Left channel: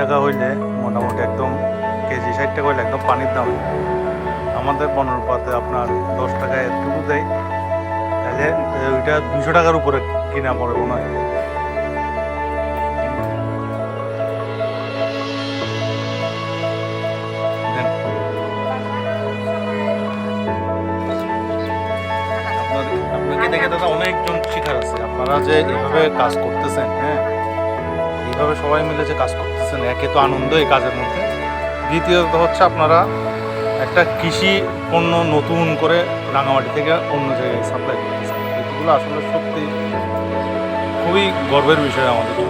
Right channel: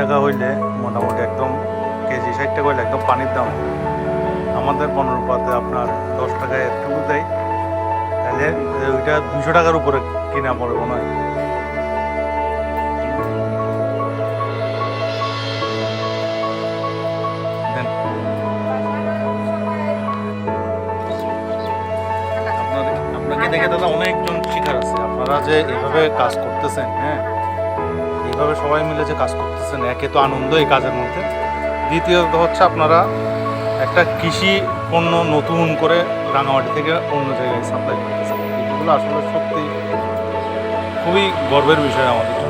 টাকা হইলে মোটামুটি একদম কেজি 60 টাকা হইলে একদম পানির দাম। আমাদের বনরূপাতে আপনার 10 টাকায় একটুকু দেয়, তাহলে ওইটা 200 টাকার উপরে কিনা পড়ে মনে হয়। দেন আপনাকে দেখে দাদা অনেকজন শিকার আছে। আপনারা যে এইভাবে কাজ করতেছেন, হ্যাঁ, এইভাবে সবাই মিলে যে কাজ করতেছেন, একে তো আনন্দ এই কাজের মধ্যে, দ্বিতীয়ত হচ্ছে আপনারা একটা কৃষি পণ্য নতুন করে রাঙামাটি থেকে অন্য জায়গায় সাপ্লাই করতেছেন। এগুলো আসলে সত্যি খুবই গর্বের বিষয় আমাদের জন্য।